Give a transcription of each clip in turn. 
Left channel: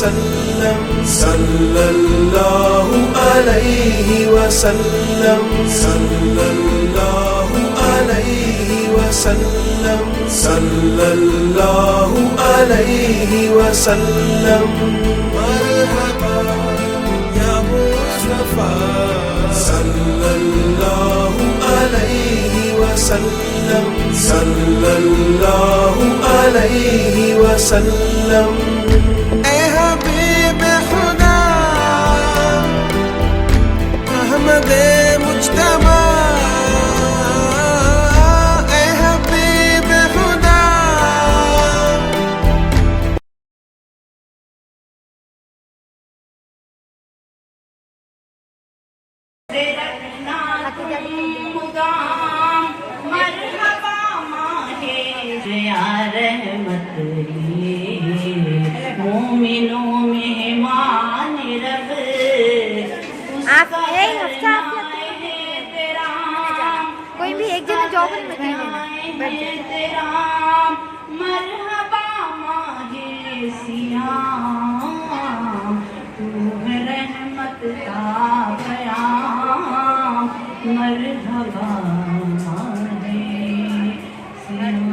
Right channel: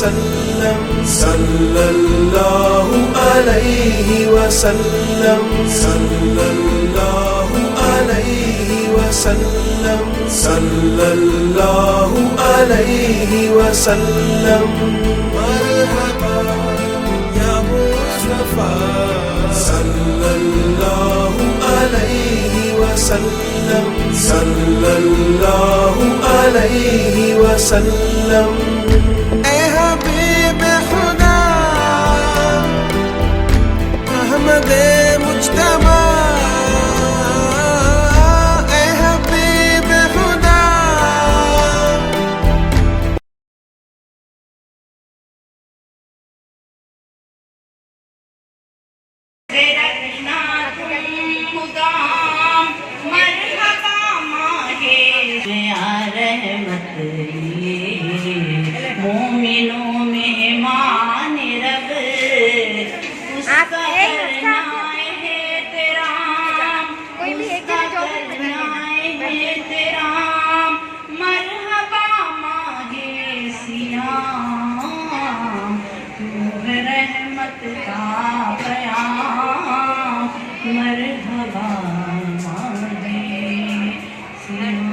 وسلم صلی اللہ علیہ وسلم صلی اللہ علیہ وسلم صلی اللہ علیہ وسلم مرحبا یا مصطفیٰ صلی اللہ علیہ وسلم صلی اللہ علیہ وسلم اے حبیب خدا احمد مجتبی اے حبیب خدا مومنوں مہمان رب کوئی بھی ایک جگہ جاب تیرا مرحبا ماہے سیام روح رحمت کا پیام مرحبا ماہے سیام.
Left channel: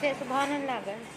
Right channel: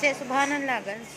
سے سبحان اللہ بس.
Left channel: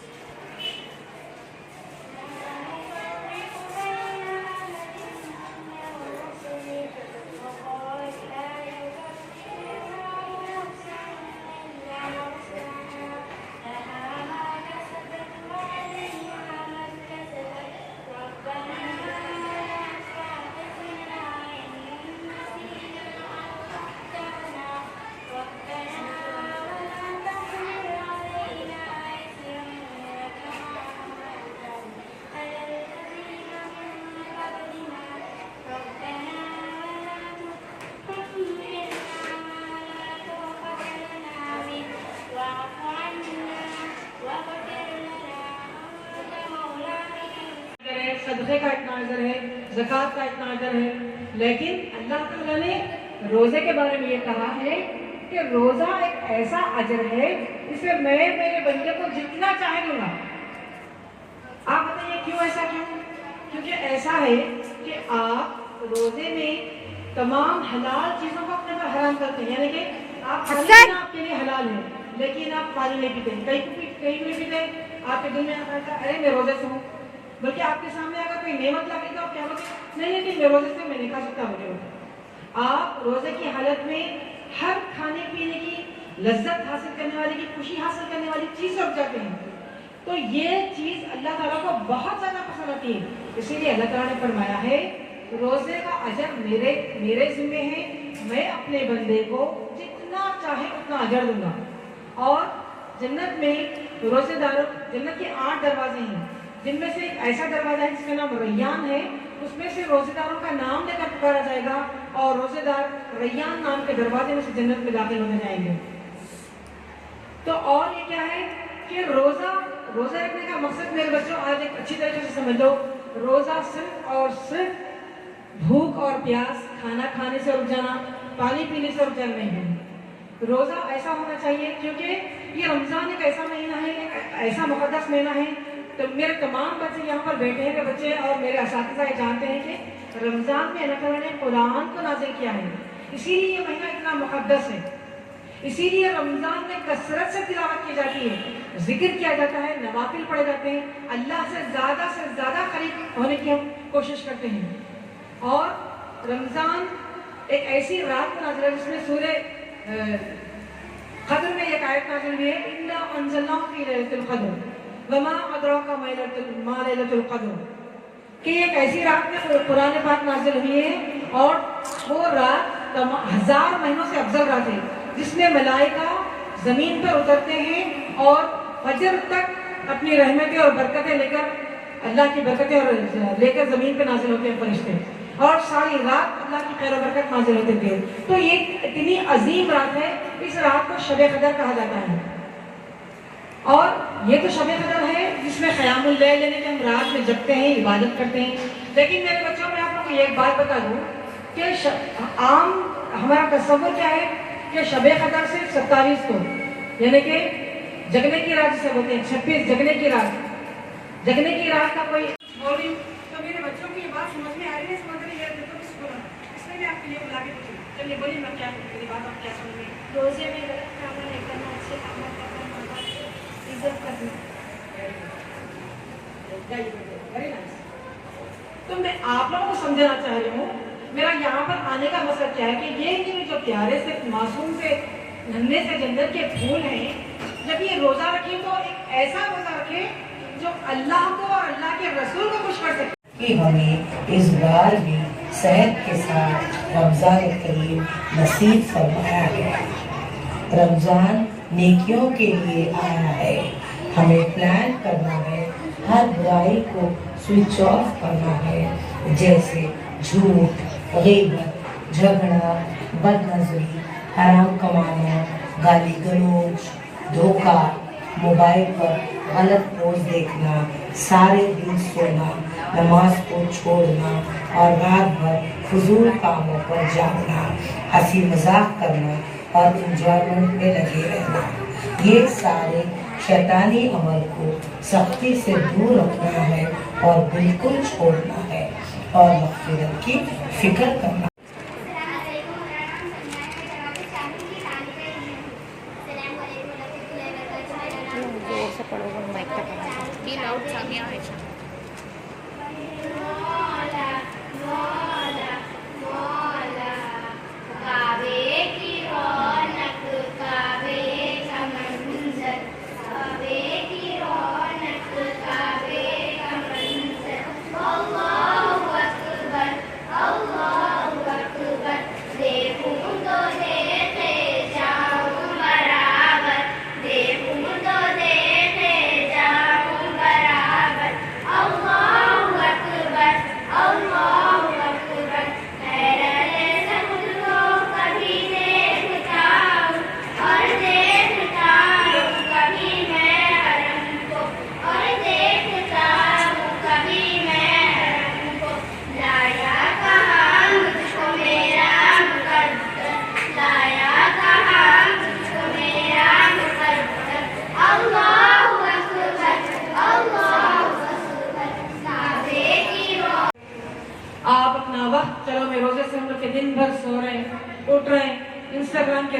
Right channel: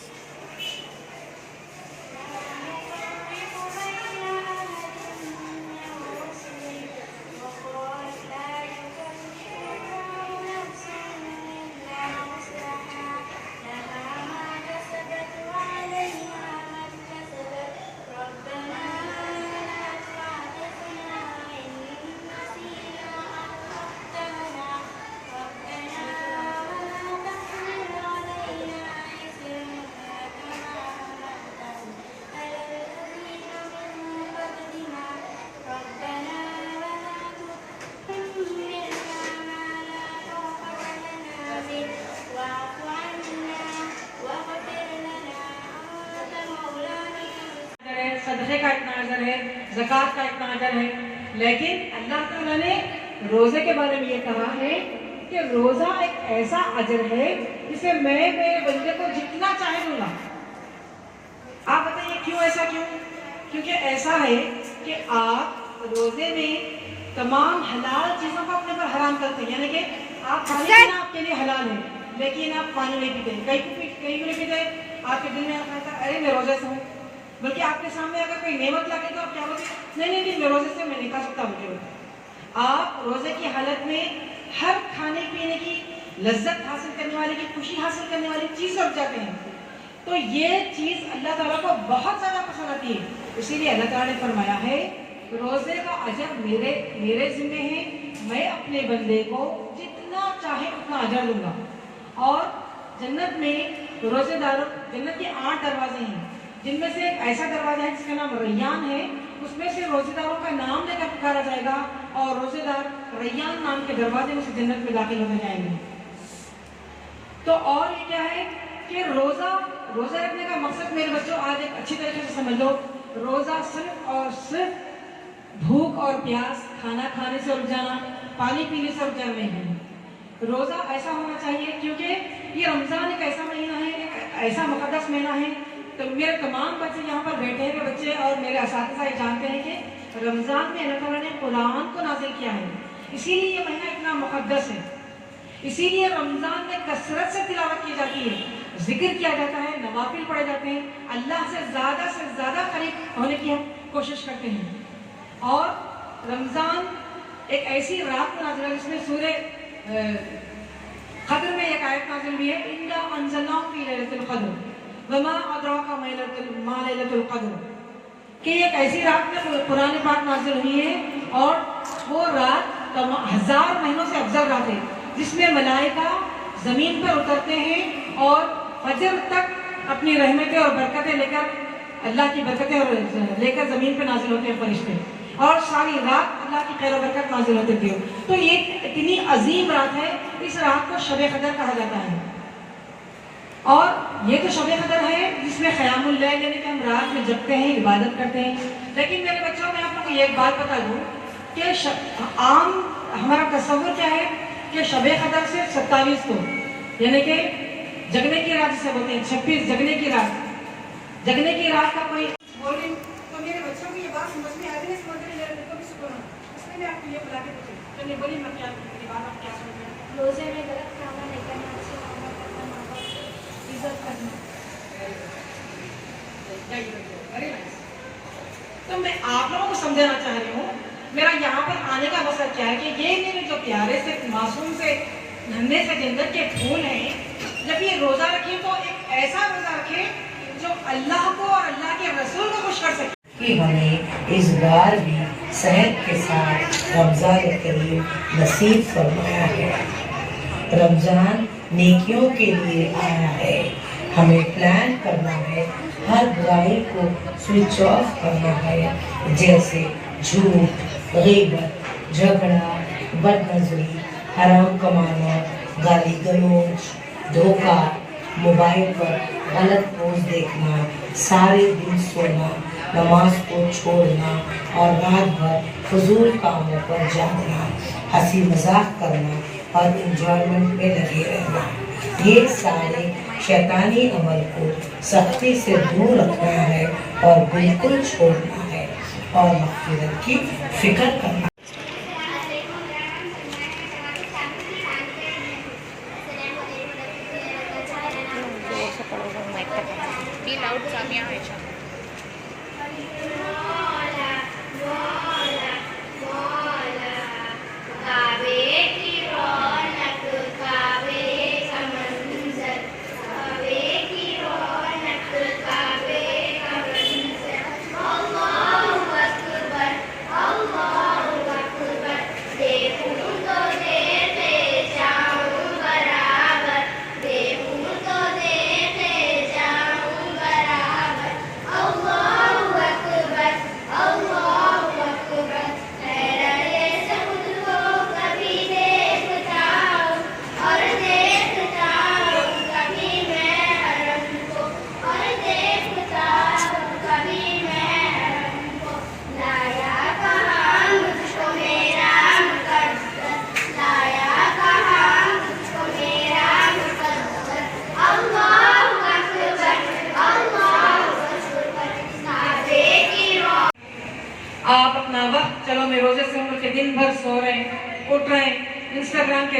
زکات کا اتنا اجر ہے، لیکن اللہ تعالیٰ نے روزے کے بارے میں یہ کہا ہے کہ روزہ ایک ایسا اجر ہے جسے میں میرے بندے کو جتنا چاہے دوں گا۔ آپ بتائیے کیوں ایسا؟ کیونکہ ایسا ہے کہ آپ روزے میں تمام حلال چیزوں کو اپنے پر حرام کرتے ہیں، یعنی کہ آپ پانی پینا آپ کے لیے حلال ہے لیکن آپ پانی نہیں پیتے، کئی نہیں پیتے، آپ کے دل میں آتا ہے ارے میں روزے سے ہوں، بلکہ آپ کے سامنے اگر کوئی نعمت لگے تو آپ کیا بولتے ہیں نہیں میں روزے سے میں نہیں کھا سکتا مجھے۔ آپ روزے کی حالت میں ہر کھانے پینے کی لذت حاصل کرنے والی کی خوشی حاصل کرنے والی چیز رکھ جاتے ہیں، تو یہ چیز اللہ تعالیٰ کو بہت زیادہ پسند آتی ہے۔ اسی لیے اللہ تعالیٰ نے فرمایا ہے روزے کا اجر میرے ذمہ ہے، میں اپنے بندے کو جتنا چاہے اتنا اجر دوں گا۔ اور جنت میں روزے داروں، جنت کے 8 دروازے ہیں، جن میں سے ایک ایسا دروازہ ہے جس کا نام ریان ہے، اس میں سے روزے داروں کا نام لے کر پکارا جائے گا اور روزے دار ریان نام کے دروازے میں سے جنت میں داخل ہونے جائیں گے۔ تو اور یہ کیا ہے کہ روزہ رکھنے کا مقصد میرے بچوں آج ایک اچھی طریقے سے سمجھ لو، روزہ صرف اور صرف بھوک اور پیاس، کھانا کھانے سے رک جانا، پانی پینے سے رک جانا نہیں ہے۔ روزہ ایسا ہونا چاہیے کیونکہ یہ رمضان ایک ایسا مہینہ ہے، ایک ایسا مقدس مہینہ ہے، تو میرے تمام بچے یہاں پر بیٹھے ہیں، بچے اور میرے اساتذہ یہ جانتے ہیں کہ رمضان میں اللہ تعالیٰ نے قرآن کو نازل کیا ہے، اسی لیے یہ مہینہ اتنا مقدس ہے، اسی لیے رمضان میں کثرت سے تلاوت کی جاتی ہے، ذکر کیا جاتا ہے، نوافل پڑھے جاتے ہیں، اللہ سے زیادہ قریب ہونے کی ہم کوشش کرتے ہیں۔ اور رمضان ایک ایسی رات کو نازل ہے جس میں سورہ قدر میں ایک آیت نازل ہوئی ہے، اِنَّا أَنزَلْنَاهُ فِي لَيْلَةِ الْقَدْرِ وَمَا أَدْرَاكَ مَا لَيْلَةُ الْقَدْرِ، کہ ایک ایسی رات میں قرآن پاک نازل ہوئی ہے اور وہ رات 1000 مہینوں سے افضل رات ہے، جس میں ملائکہ زمین پر اترتے ہیں اور فجر تک اپنی رحمتیں اور برکتیں لے کر، اللہ کی برکتیں اور لے کر زمین پہ نازل ہوتے ہیں فرشتے، اور ساری رات اللہ کی خیر و برکت نازل ہوتے تھے۔ تو یہ اتنی عظیم رات ہے، اس رات کو شب قدر کہا جاتا ہے۔ اور یہ تو شب قدر ہے جس میں قیام اللیل لینے کے ہم رات میں جگتے ہیں، عبادت کرتے ہیں، لیکن میرے بچوں میں آپ لوگوں کو ایک بات بتا دوں کہ عام ہمارا تصور کیا ہے کہ شب قدر صرف 27 کو، یعنی کہ جگنے کی رات جسے بولتے ہیں 26 جگنے کی رات کا کوئی بول رہی ہوں، تو میرے بچوں کو یہ بات سمجھ میں آ رہی ہے، سمجھ رہی ہے، میرے کو بھی سکون ہے، اس لیے میں آپ کے لیے بلا کے پوچھوں تو نہیں بولی میں کیا میری بات آپ کیا سمجھ رہی ہیں؟ روزے میں غلط کھانا نہیں کرنا، اچھے کھانا کرنا، ماں باپ کی عزت کرنا۔ Very nice. تو میں آپ لوگوں کو سمجھانا چاہ رہی ہوں، میرا یہاں پر آنے کا مقصد کیا ہے کہ یہ میرے جو پیارے سے معصوم سے ننھے سے جنت کے پھول ہیں، جب یہ روزہ رکھیں تو ایک ایسا روزہ رکھیں جو اللہ کو اور اللہ کے رسول کو خوش کر سکے۔ کہ ہمیں اس بار بھی صحت کے ساتھ رمضان کریم نصیب فرمایا ہے۔ رمضان نیکیوں کے لیے آیا ہے، ہمیں پلان کرنا ہے، ہر برائی کو سوئچ آف کرنا ہے، جیسے جھوٹ، غیبت، جھگڑا، بد نظری، حرام کمانا، گالی گلوچ، دھوکہ، موبائل پر غلط پوسٹ دیکھنا، سارے دن سونا، نماز کو چھوڑنا اور رات بھر فضول کاموں پر جاگنا، ہنسی مذاق کرنا اور انجوائمنٹ میں لگے رہنا، یہ سارے شیطانی عمل کو سختی سے دور رکھنا ہے اور بالکل چھوڑنا ہے اور مغفرت کی فکر کرنا۔ زور سے پڑھو گے مائک تک آواز Be loud, Samia Aisha.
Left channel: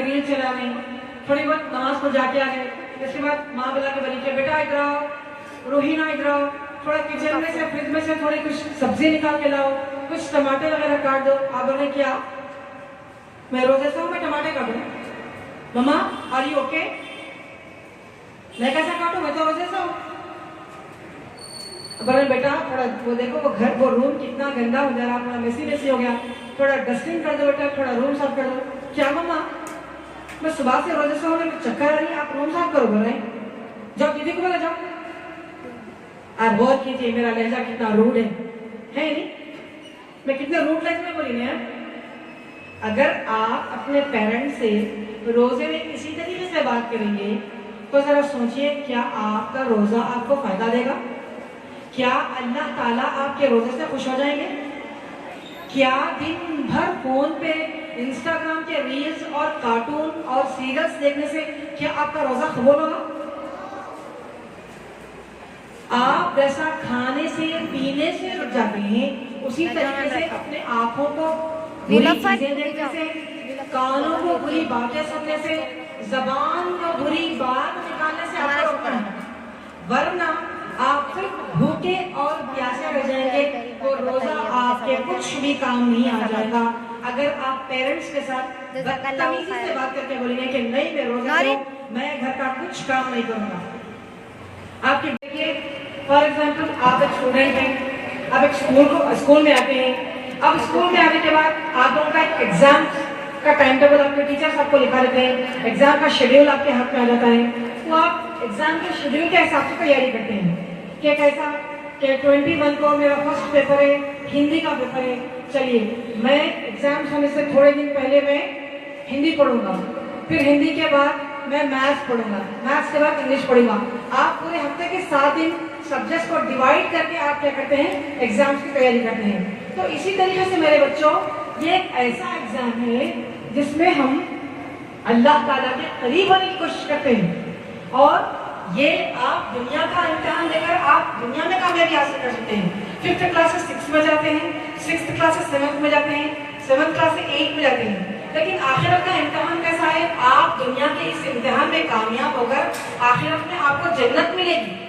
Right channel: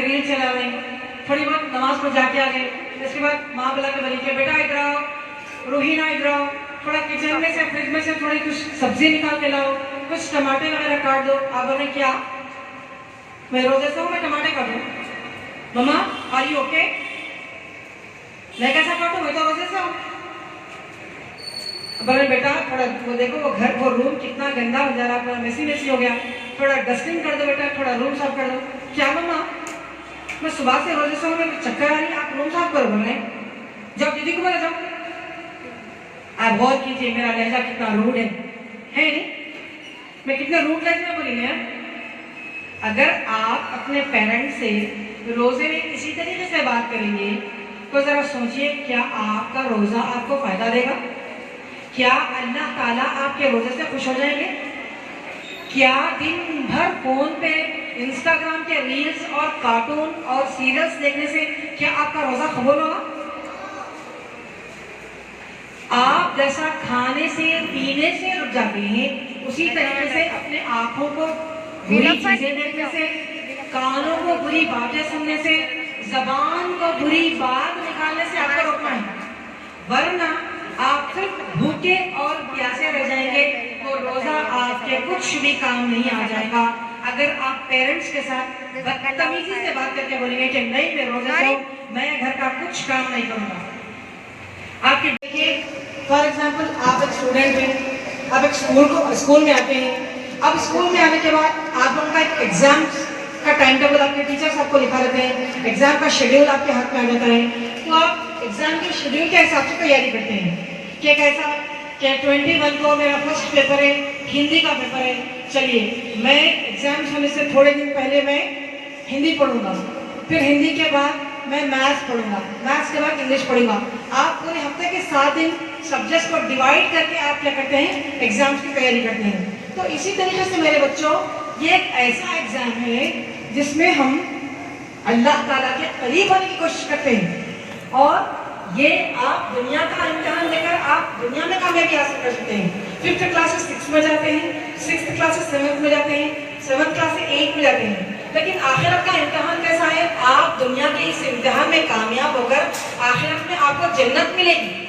Reel چلا رہے ہیں, تھوڑی بہت نماز کو جا کے آ گئے, اس کے بعد ماں بلا کے بولی کہ بیٹا ادھر آؤ, روحینہ ادھر آؤ, تھوڑا کچن میں سے فریج میں سے تھوڑی کچھ سبزی نکال کے لاؤ, کچھ ٹماٹے وغیرہ کاٹ دو. آپ بولے کیا, میں روزے سے ہوں, میں ٹماٹے کاٹوں. مما آر یو اوکے, میں کیسا کاٹوں, میں تو روزے سے ہوں. بولے بیٹا تھوڑا وہ دیکھو وہ گھر وہ روم کتنا گندا ہو جا رہا, تھوڑا میسی ہو گیا, تھوڑا ڈسٹنگ کر دو بیٹا, تھوڑا روم صاف کر دو. کیا مما, میں صبح سے روزے سے ہوں, میں چکر آ رہی ہے, آپ روم صاف کرو. بولے جب دیدی کو بولے جاؤ. آپ غور کیجیے میرا لہجہ کتنا روڈ ہے نہیں, میں کتنے روڈ لہجے میں بولی نا. اگر آپ اپنے پیرنٹ سے روزے میں کسی طریقے سے بات کریں گے تو ذرا سوچئے, کیا آپ کا روزہ آپ کو فائدہ دے گا؟ کیا اللہ تعالیٰ آپ کے روزے سے خوش ہو جائیں گے؟ کیا دن بھر فون پہ انسٹاگرام کے ریلز اور کارٹون اور سیریلز دیکھنے سے کیا آپ کا روزہ قبول ہوگا؟ آپ جیسا کھانے سے پینے سے رک جاتے ہیں, اسی طریقے سے اپنے آنکھوں کو بری چیزیں دیکھنے سے, کانوں کو بری باتیں سننے سے, زبان کو بری بات نکالنے سے آپ کو روکنا ہے. ورنہ آپ صرف بھوکے اور پیاسے رہ جائیں گے, وہ روزہ آپ کے کچھ بھی کام نہیں آ جائے گا. اگر آپ پیرنٹس کے ساتھ بدتمیزی سے بات کر کے بولیں گے کہ نہیں میں روزہ ہوں, میں گھر کا کچھ کام نہیں کروں گا. آپ کے دیکھیے فار ایگزامپل آپ ایک اسٹوڈنٹ ہیں, آپ ایک اسکول میں آتے ہیں. اب اسکول میں آنے کے بعد آپ لوگوں کا ایک ایگزام کا ٹائم ٹیبل آپ کے ٹیچرس آپ کو لکھا دیتے ہیں, ایگزام کا شیڈیول آپ کے ہاتھ میں آ جاتا ہے. تو آپ ایگزام کے شیڈیول کے حساب سے تیاری کرتے ہیں کہ کیسا کہ 21 کو میرا فرسٹ پیپر ہے, ہندی کا پیپر ہے. چلیے میں ایگزام ہونے سے تھوڑے دن پہلے میں ہندی پڑھوں گا, پھر ہندی کے بعد میں میتھس پڑھوں گا, میتھس کے بعد انگلش پڑھوں گا. آپ پورے ہفتے کے 7 دن سبجیکٹس کو ڈیوائڈ کر کے آپ کیا کرتے ہیں, ایگزامس کی تیاری کرتے ہیں. تو اسی طریقے سے میرے بچوں یہ ایک ایسا ایگزام ہے جس میں ہم اللہ تعالیٰ کے قریب ہونے کی کوشش کرتے ہیں, اور یہ آپ دنیا کا امتحان لے کر آپ دنیا میں کامیابی حاصل کر سکتے ہیں. 5th کلاس سے 6 میں جاتے ہیں, 6th کلاس سے 7th میں جاتے ہیں, 7th کلاس سے 8 میں جاتے ہیں. لیکن آخرت کا امتحان کیسا ہے, آپ دنیا کے اس امتحان میں کامیاب ہو کر آخرت میں آپ کو جنت ملے گی.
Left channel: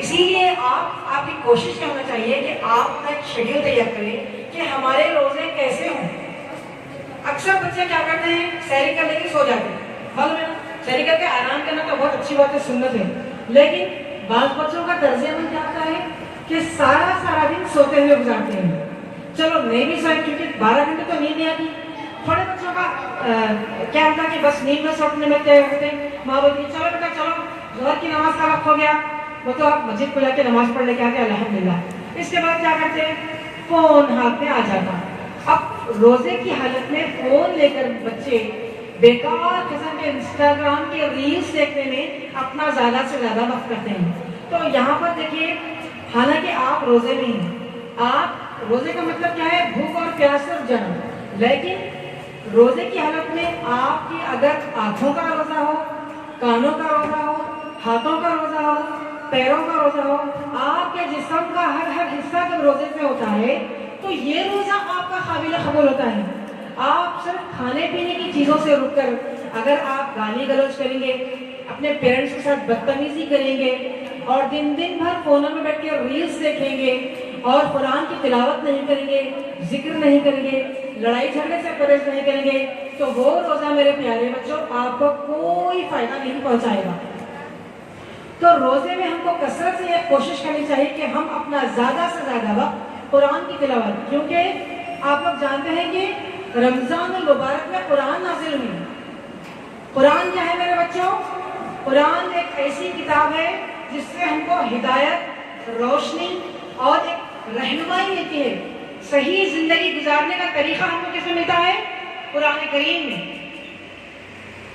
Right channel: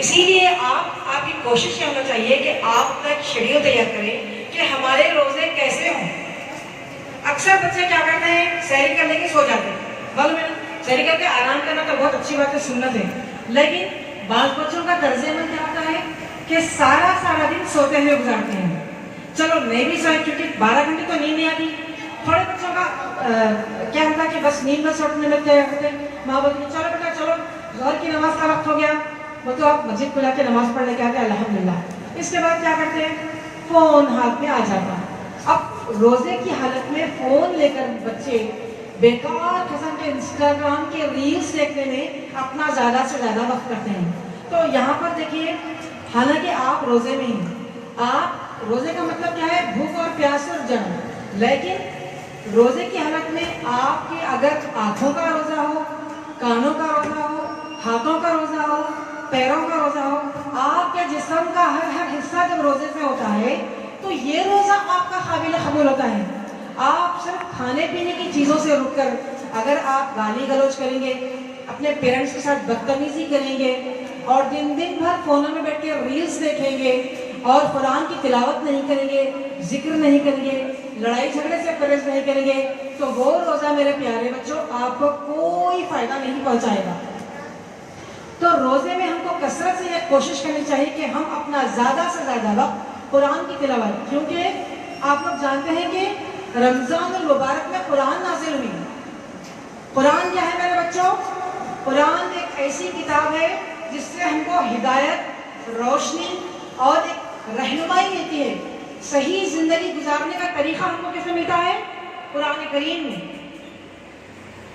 اسی لیے آپ کی کوشش یہ ہونا چاہیے کہ آپ ایک شیڈیول تیار کریں کہ ہمارے روزے کیسے ہوں. اکثر بچے کیا کرتے ہیں, سحری کر لے کے سو جاتے ہیں. معلوم ہے نا, سحری کر کے آرام کرنا تو بہت اچھی بات ہے, سنت ہے. لیکن بعض بچوں کا طرز عمل کیا ہوتا ہے کہ سارا دن سوتے ہوئے گزارتے ہیں. چلو نہیں بھی سوئے کیونکہ 12 گھنٹے تو نیند نہیں آتی. تھوڑے بچوں کا کیا ہوتا ہے کہ بس نیند میں سوٹنے میں تیار ہوتے, ماں بولتی چلو بیٹا چلو ظہر کی نماز کا وقت ہو گیا, وہ تو آپ مسجد کو جا کے نماز پڑھ لے کے آتے الحمدللہ. اس کے بعد کیا کرتے ہیں, فون ہاتھ میں آ جاتا. اب روزے کی حالت میں فون لے کر بچے بیکار قسم کے انسٹاگرام کے ریلز دیکھنے میں اپنا زیادہ سے زیادہ وقت کرتے ہیں. تو یہاں پر دیکھیے, حالانکہ آپ روزے میں ہیں, آپ روزے کا مطلب کیا ہے, بھوک اور پیاس سے جانا. لیکن روزے کی حالت میں آپ کی اگر آنکھوں کا روزہ ہو, کانوں کا روزہ ہو, ہاتھوں کا روزہ ہو, پیروں کا روزہ ہو, آپ کے جسم کا ہر حصہ جب روزے سے ہوتا ہے تو یہ روزہ آپ کا قابل قبول ہوتا ہے. آپ صرف کھانے پینے کی چیزوں سے رک کر اگر آپ گالی گلوچ کریں گے, اپنے پیرنٹس کے ساتھ بدتمیزی کریں گے, اور دن بھر فونوں میں بیٹھ کے ریلز دیکھیں گے, اور قرآن کی تلاوت نہیں کریں گے, ذکر نہیں کریں گے, لڑائی جھگڑے سے پرہیز نہیں کریں گے, تو وہ روزہ میرے پیارے بچوں آپ کو کوئی فائدہ نہیں پہنچائے گا. تو روزے میں ہم کو کثرت سے یہ کوشش کرنی چاہیے کہ ہم اپنا زیادہ سے زیادہ وقت قرآن کی تلاوت, کیونکہ آپ لوگ جانتے ہیں کہ رمضان المبارک میں قرآن نازل ہوئی. قرآن کیا ہے میرے بچوں, قرآن ایک ایسی کتاب ہے جس سے ہم کو ہدایت, روشنی اور ایک رہنمائی ملتی ہے. صحیح زندگی گزارنے کا طریقہ ہم کو کیسے ملتا ہے, قرآن کریم میں.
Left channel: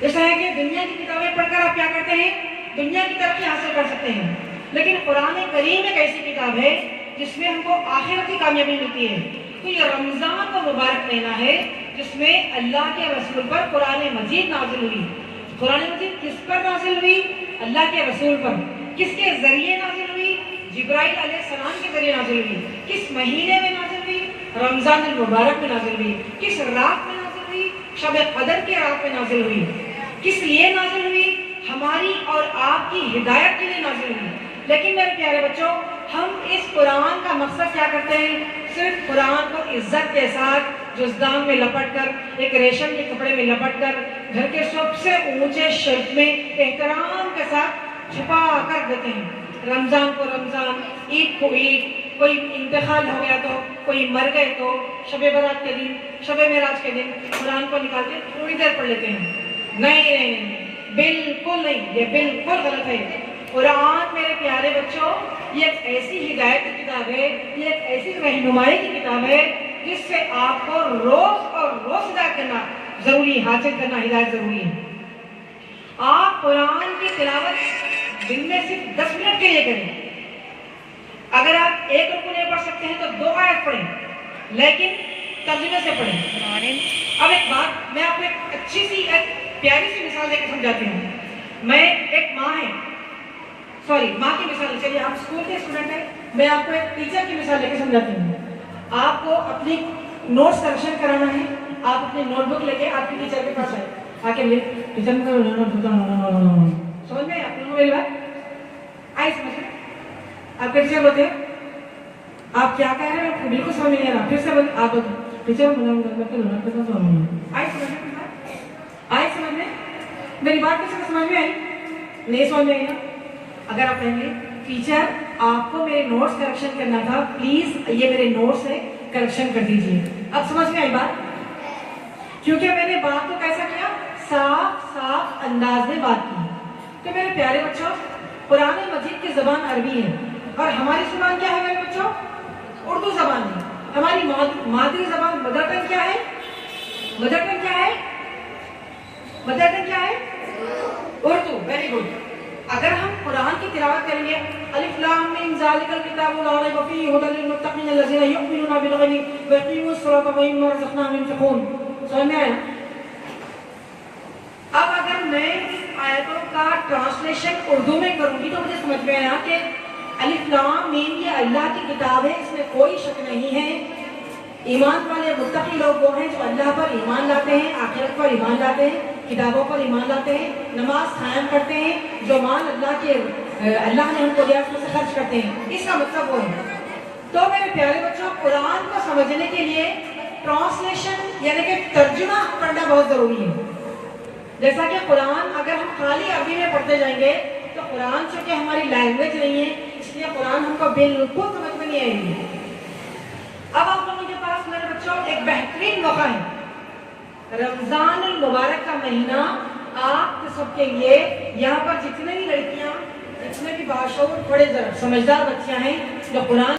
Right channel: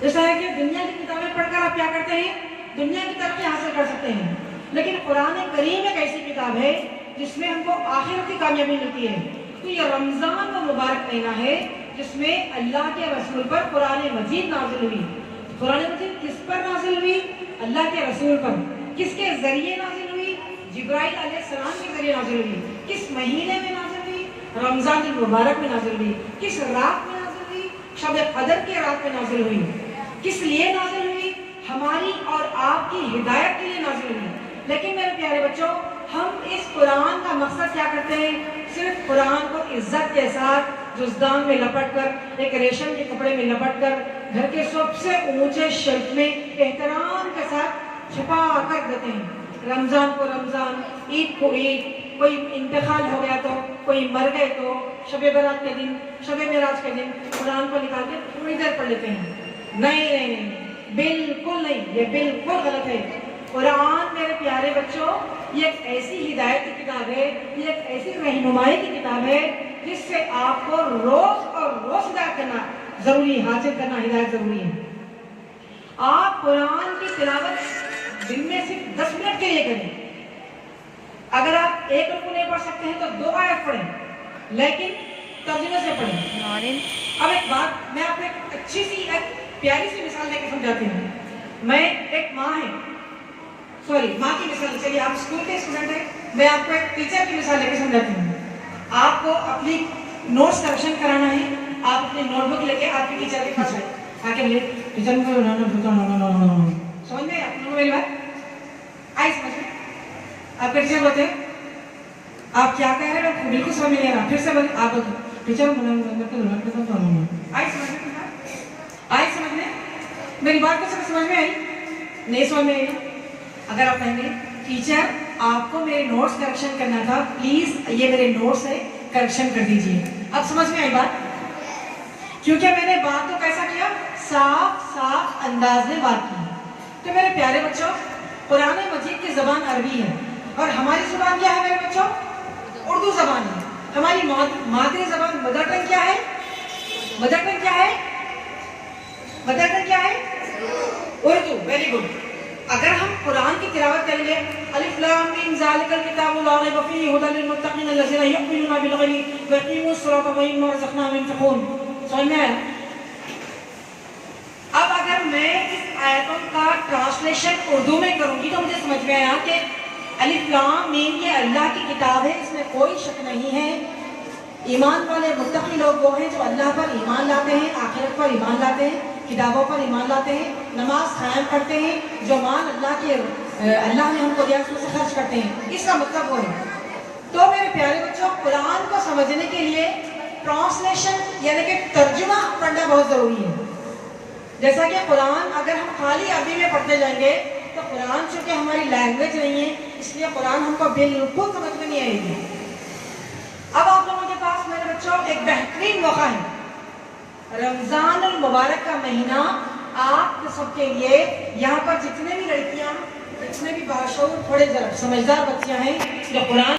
ایسا ہے کہ دنیا کی کتابیں پڑھ کر آپ کیا کرتے ہیں, دنیا کی ترقی حاصل کر سکتے ہیں, لیکن قرآن کریم ایک ایسی کتاب ہے جس میں ہم کو آخرت کی کامیابی ملتی ہے. تو یہ رمضان کا مبارک مہینہ ہے جس میں اللہ کے رسول پر قرآن مجید نازل ہوئی. قرآن مجید کس پر نازل ہوئی, اللہ کے رسول پر. کس کے ذریعے نازل ہوئی, جبرائیل علیہ السلام کے ذریعے نازل ہوئی. کس مہینے میں نازل ہوئی, رمضان المبارک میں نازل ہوئی. کس رات میں نازل ہوئی, شب قدر کے رات میں نازل ہوئی. کس لیے نازل ہوئی؟ ہماری اور آپ کی ہدایت کے لیے نازل ہوئی. لیکن میرے پیارے بچوں، ہم اس قرآن کا مقصد کیا کرتے ہیں؟ صرف قرآن کو عزت کے ساتھ جزدان میں لپٹ کر، ایک ریشم کے کپڑے میں لپٹ کر، گھر کے سب سے اونچے شیلف میں احترام کے ساتھ چھپا کر دیتے ہیں. رمضان کو رمضان، عید کو عید، کوئی انتقال ہو گیا تو، کوئی مر گئے تو، شب برات کے دن، شب معراج کے دن قرآن کو نکال کے تھوڑی دیر پڑھ لیتے ہیں. نہیں، بالکل نہیں، یہ بالکل غلط ہے. قرآن میرے پیارے بچوں یہ ایک ایسی ہدایت کی کتاب ہے، یہ ایک ایسی رہنمائی کی کتاب ہے جس سے آپ کو روز اور روز ہدایت کرنا ضروری، حاصل کرنا ہدایت ضروری ہے. آپ قرآن کی تلاوت دن میں صرف 10 منٹ کے لیے کریں. اگر آپ ایک رکوع نہیں پڑھ سکتے ہیں تو 2 آیت پڑھیں، لیکن ترجمے سے پڑھیں. اب ایک بات میں آپ کو ایک اچھی سی، ایک پیاری سی مثال دے کے سمجھاتی ہوں. میں ایک ماں کی مثال، چلیے آپ اسکول کے اسٹوڈنٹ ہیں، میں آپ کو ایک ٹیچر کی مثال دے کے سمجھاتی ہوں. آپ کو اپنی نوٹس کریکشن کرانا ہے، آپ اپنی نوٹ بک لے کے آپ کی ٹیچر کے پاس آئے، آ کے لے ٹیچر سمجھ میں آپ میری بات آئی؟ سمجھ میں آپ پھر سے بولتے آپ کیا کہہ رہے ہیں؟ بالکل سمجھ نہیں آ رہا. پھر سے بولتے آپ ٹیچر آئی سمجھ میں؟ میری بات کو سمجھ میں آئی؟ نہیں سمجھ میں آئی نا؟ اگر آپ کہیں گے ٹیچر آپ کو میرے نوٹس کریکشن کرنا تھا، پلیز یہ میرے نوٹس ہے، کریکشن کر دیجیے. اب سمجھ میں آئی بات؟ کیونکہ میں نے بات تو کیسا کیا؟ صاف انداز میں بات کی. تو میرے پیارے بچوں، قرآن مجید کی زبان عربی ہے اور ہماری زبان کیا ہے میرے بچوں؟ اردو زبان ہے. ہماری مادری زبان مدر ٹنگ کیا ہے؟ مدر ٹنگ کیا ہے؟ مدر ٹنگ کیا ہے؟ اردو. Very good. اگر ہم قرآن کی تلاوت کریں گے، الف لام میم ذالک الکتاب لا ریب فیہ ھدی للمتقین الذین یؤمنون بالغیب ویقیمون الصلاۃ ومما رزقناہم ينفقون. سمجھ میں آیا؟ اب اگر میں اس آیتوں کا ٹرانسلیشن اردو میں کروں گی تو مجھے سمجھ میں آیا کہ الف لام میم یہ اللہ کی کتاب ہے، اس میں کوئی شک نہیں ہے. ایمان والے متقی لوگ وہ ہیں جو اللہ پر ایمان لاتے ہیں، آخرت پر ایمان لاتے ہیں، کتابوں پر ایمان لاتے ہیں، نماز قائم کرتے ہیں، جو مال اللہ نے ہم کو دیا اس میں سے خرچ کرتے ہیں. اس کا مطلب وہ ہے. تو میرے پیارے بچوں، قرآن کو سمجھنے کے لیے ٹرانسلیشن یعنی کہ ترجمہ پڑھنا بہت ضروری ہے. جیسا کہ قرآن اگر ہم خالی عربی میں پڑھتے جائیں گے تو قرآن چونکہ ہماری لینگویج نہیں ہے، اس لیے قرآن ہم کو بالکل سمجھ میں نہیں آئے گی. اب آپ لوگوں کے پاس میرے بچوں ایک بہترین موقع ہے. رمضان المبارک کا مہینہ آپ سب کے لیے، یہاں پر جتنے بھی لڑکیاں، جتنے بھی باشعور بڑے سمجھدار بچیاں ہیں جو قرآن